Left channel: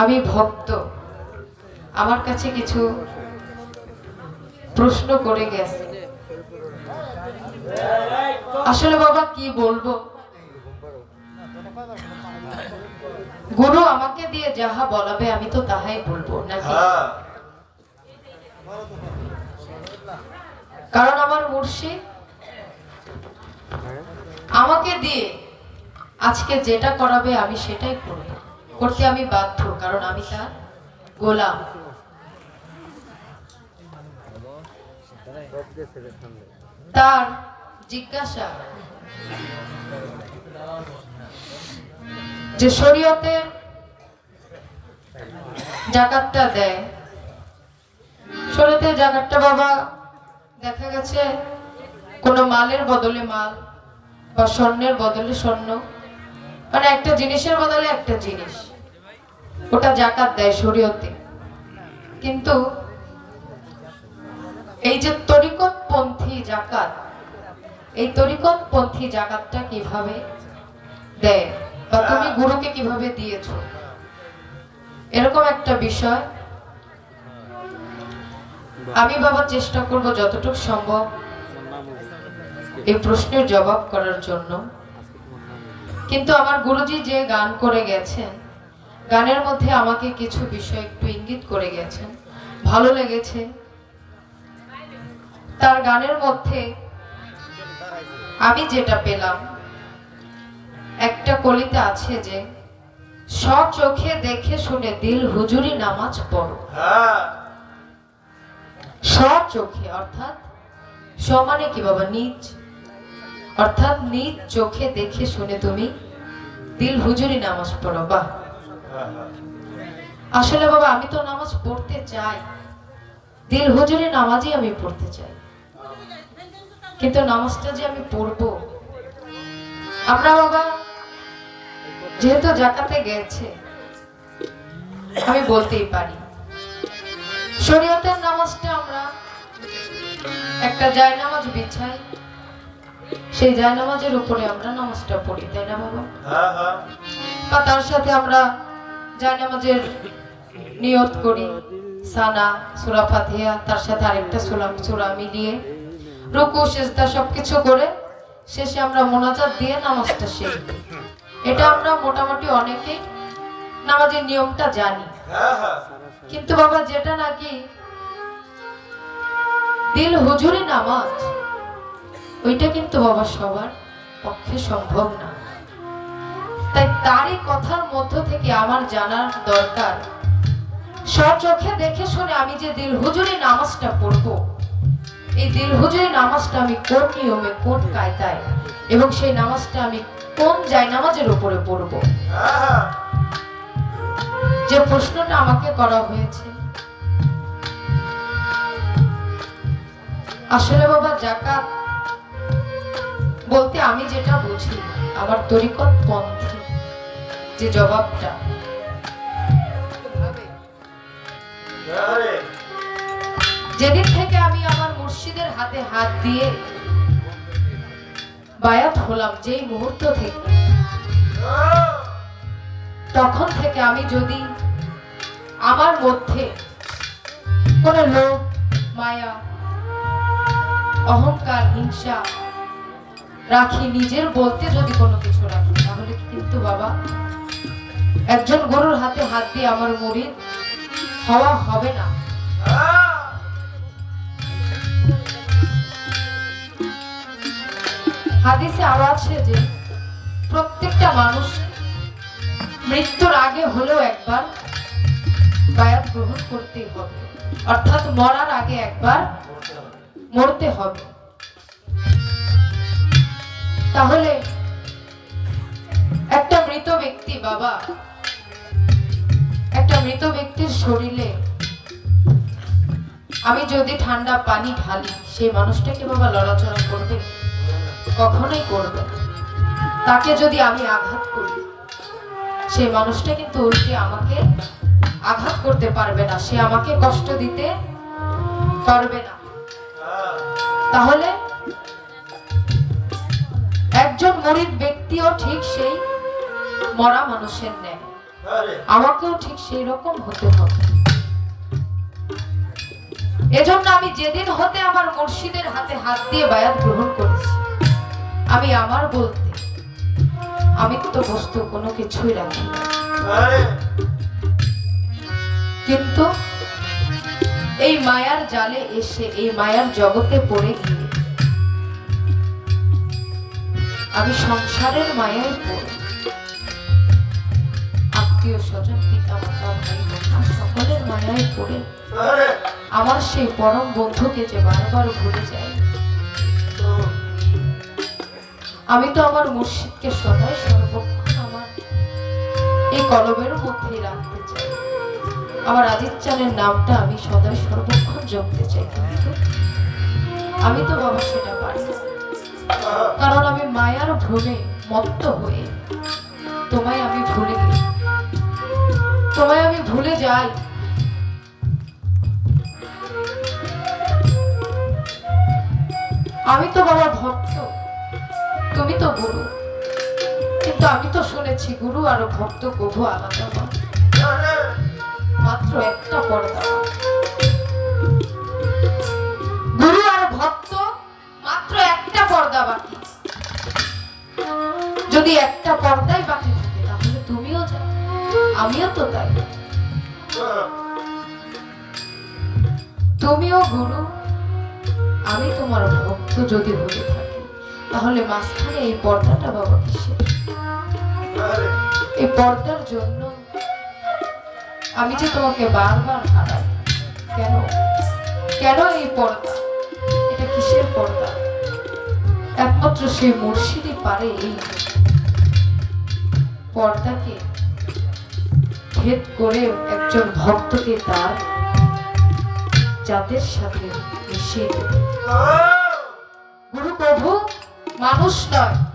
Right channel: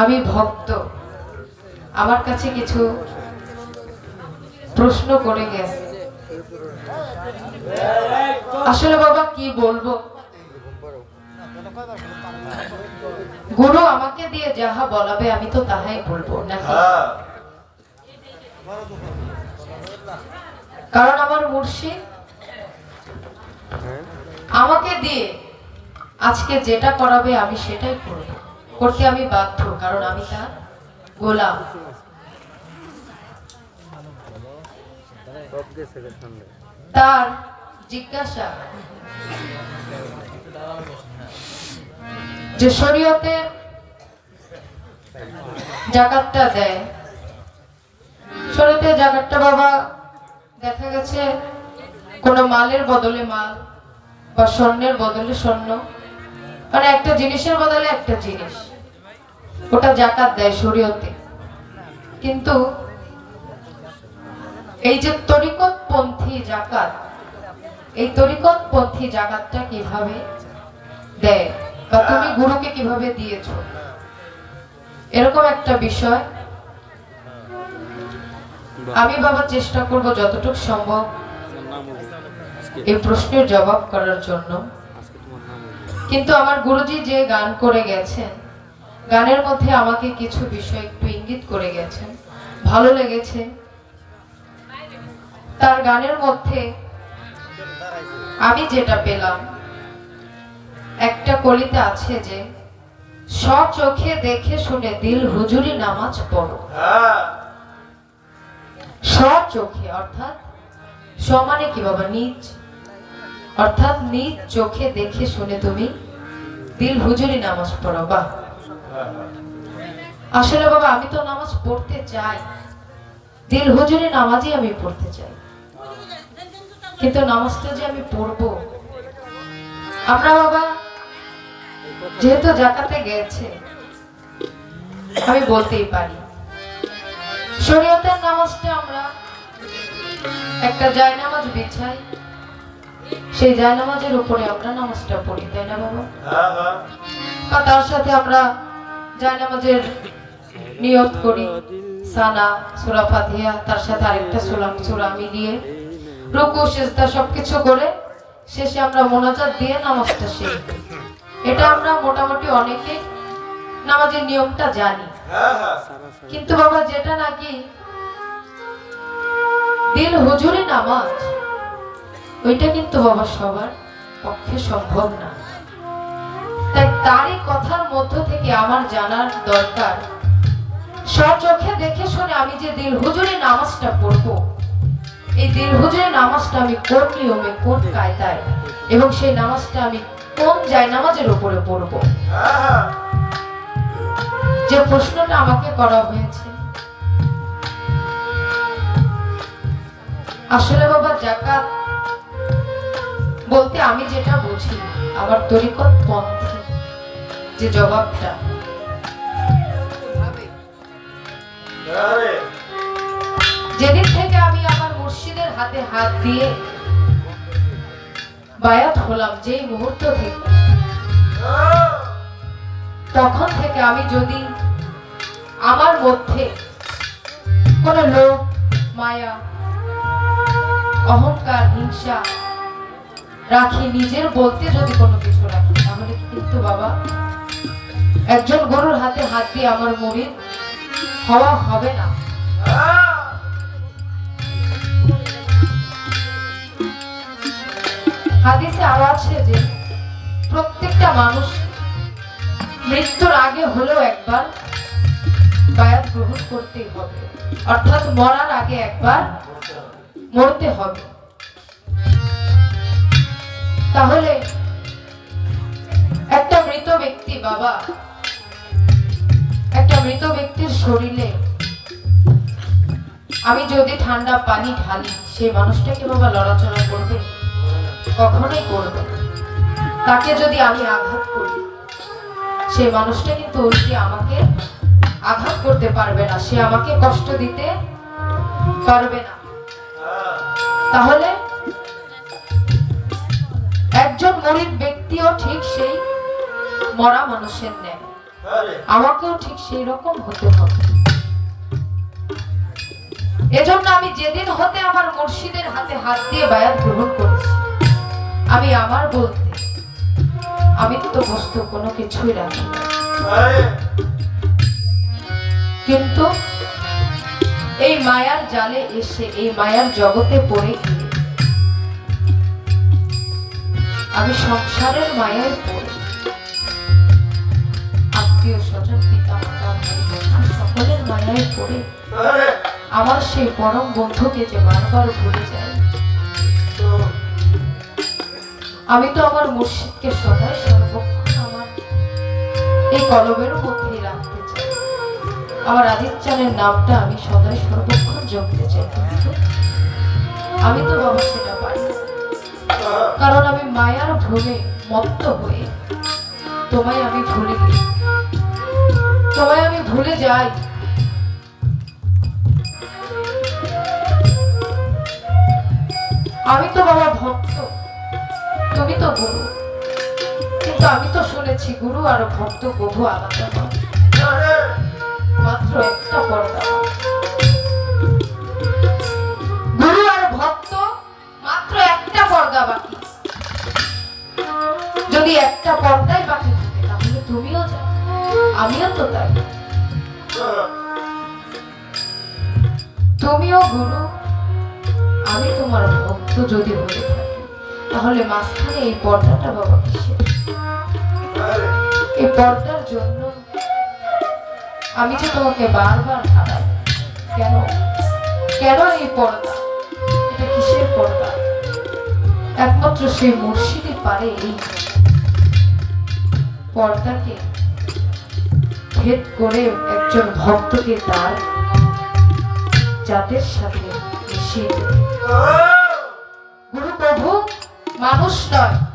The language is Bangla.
আমি ভক্ত। আমার কাছে কিছু প্রশ্ন করে গেছে। আসলে বাবা, কি বলব? গুরু আমাকে দিয়ে যাহা বলাবে, আমি তো তাহাই বলব, নাকি? কারণ আমার মুর্শিদ আমাকে দিয়ে আজকে যেটা করাবে, আমি সেটাই করব। করতে আমি বাধ্য, কারণ আমি তার গোলাম। তার জিজ্ঞাসা যে শরীয়তে জাকাতটা দেয়। শরীয়তে জাকাতটা বাবা, দেখা গেছে কোন মালের বদলে মাল বা স্বর্ণের বদলে স্বর্ণ। মানে একটা জিনিসের বদলে একটা জিনিস। ওটা জাকাত দেয় শরীয়তে। কিন্তু এই যে তরিকত পন্থী জাকাত, এই তরিকত পন্থী জাকাতটা কীভাবে দেয় বা তুমি গুরুকে কীভাবে দিয়েছ? এরকম একটা বিষয় আমি বাবা চেষ্টা করব যতটুকু সম্ভব এই প্রশ্নের জবাব করার জন্য। কিন্তু আমার গুরুজি যে গান করে গেছেন গানের মধ্যে আমাকে কিছু বিষয় একটু ইঙ্গিত করে গেছেন। ভালো লেগেছে। তার গানের মধ্যে আমি যেটা পেলাম একটা কলিতে আছে যে চোখে দেখে শুনে দিল হুজুরি নামাজ পড়ো। চোখে অর্থাৎ সমানে কি বাবা নিজ অর্থাৎ নিজ চোখে দেখে শুনে তুমি দিল হুজুরি নামাজ পড়ো বাহ। আসলে বাবা আমি তো নামাজ পড়তে চাই। দিল হুজুরি নামাজই আমি পড়তে চাই। কিন্তু নামাজটা যে আমি পড়ব আমরা বাবা যেহেতু জাকাতে গেছে আমি বলতেই পারি। শরীয়তের নামাজটা আমরা একটা জায়নামাজ বিছাই। সেই জায়নামাজের উপরে আমরা নামাজটা পড়ি তাই না বাবা? বা তার সাথে আমরা জায়নামাজের নিয়ত করি। সানা, সূরা ফাতিহা, তার সাথে আরেকটা সূরা সূরা মিলিয়ে রুকু, সেজদা সবকিছু করে শেষে আমরা মোনাজাত দিয়ে নামাজটা শেষ এটা আমরা মোটামুটি অনেকে নামাজের নিয়মটা জানি। কিন্তু বাবা, যেটা নাকি দিল হুজুরি নামাজ, ওইটা কিন্তু বাবা সবার পক্ষে সম্ভব না। তাই তারই কথার মধ্য থেকে আমার জানার দরকার। চোখে দেখে শুনে আমি যে দিল হুজুরি নামাজটা পড়ব, এই দিল হুজুরি নামাজটা আমি কোন নিয়মে, কোন কায়দায়, এবং সেই নামাজটা আমি কোন যায় নামাজের উপরে পড়ব? যে প্রশ্নটা আমাকে করা হয়েছে। আসলে বাবা, জাকাত বলতে আমি যেটা বুঝি, আমার তরিকত পন্থী। যে জবাবটা। যেদিন থেকে আমি আমার মুর্শিদের হাতে হাত দিয়ে বায়াত হলাম, যেই মুহূর্ত থেকে, তখন থেকে আমি যদি আমার মধ্যে কোন লোক মায়া, অহংকার, হিংসা রাখি, নিজের বলতে যদি কোনো কিছু রাখি, তাহলে কিন্তু বাবা একজন গরুর হাতে হাত দিয়ে আমার মরির হওয়া হবে না। হাদিসে আরও আছে যে, প্রত্যেকটা মানুষ মৃত্যুর আগে হলেও একবার বায়াত গ্রহণ করতেই হবে। অর্থাৎ মরার আগে একবার মরতে হবে। তাহলে বাবা। একটা মৃত ব্যক্তির শরীরে আমি যদি ঠান্ডা পানি ঢালি, সেই মানুষটাকে বাবা লড়াচড়া করবে? কখনোই করবে তাকে যদি আমি আঘাত করি, সেই মানুষটা কিন্তু আমাকে আঘাত করতে পারবে না। সে আমাকে কষ্ট দিতে পারবে না। তাহলে একজন গরিব ব্যক্তিও ঠিক সেই মরা মানুষের ন্যায়। আমাকেও ঠিক সেই রকম হতে হবে। এজন্য আমি যেদিন হতে আমার মুর্শিদের হাতে হাত দিয়ে বায়াত গ্রহণ করেছি আমি আমার বলতে আমি তো বস্তু কোনো কিছুই রাখি কিন্তু এই মায়ার জালে এসে এই মায়ার জগতে পড়ে গিয়ে আমি সংসারের মায়ায় পড়ে। পড়ে আমার সেই পরম বন্ধুকে যে বারবার ভুলে যায়। আমি তো আমার মুর্শিদকে সদাই সর্বক্ষণ আমার এই কলমের মধ্যেই রাখতে চাই। আমার চানের নামটা আমি সদাই সর্বক্ষণ জপতে চাই। আমি তো বাবা সেটা পারি। কারণ আমি মায়ার ভ্রমে মত্ত হয়ে তোমায় আমি ভুলে গেছি তোমায় আমি ভুলে যাই। শুনেছি গুরু আর ভক্ত প্রভু আলাদা মাত্র একটা পর্দা। গুরু আর ভক্ত, মাত্র একটা পর্দা যদি একটা পর্দাই বাকি থাকে, তাহলে তুমিও যাও। আমিও তো তাই। তুমিও গুরু, আমি তোমার ভক্ত যদি হতে থাকি, তাহলে মাঝখানে এই পর্দাটা বাবা কিসের? এই পর্দার জন্য আমি যে তোমাকে বারবার হারাই। কেন? কেন এই পর্দা? এটা কিসের পর্দা? একমাত্র সেই মুর্শিদই পারে এই পর্দাকে ভেদ করে একজন ভক্তকে তার যাদের সাথে মিশিয়ে গুরু প্রভু, মানুষ নয়।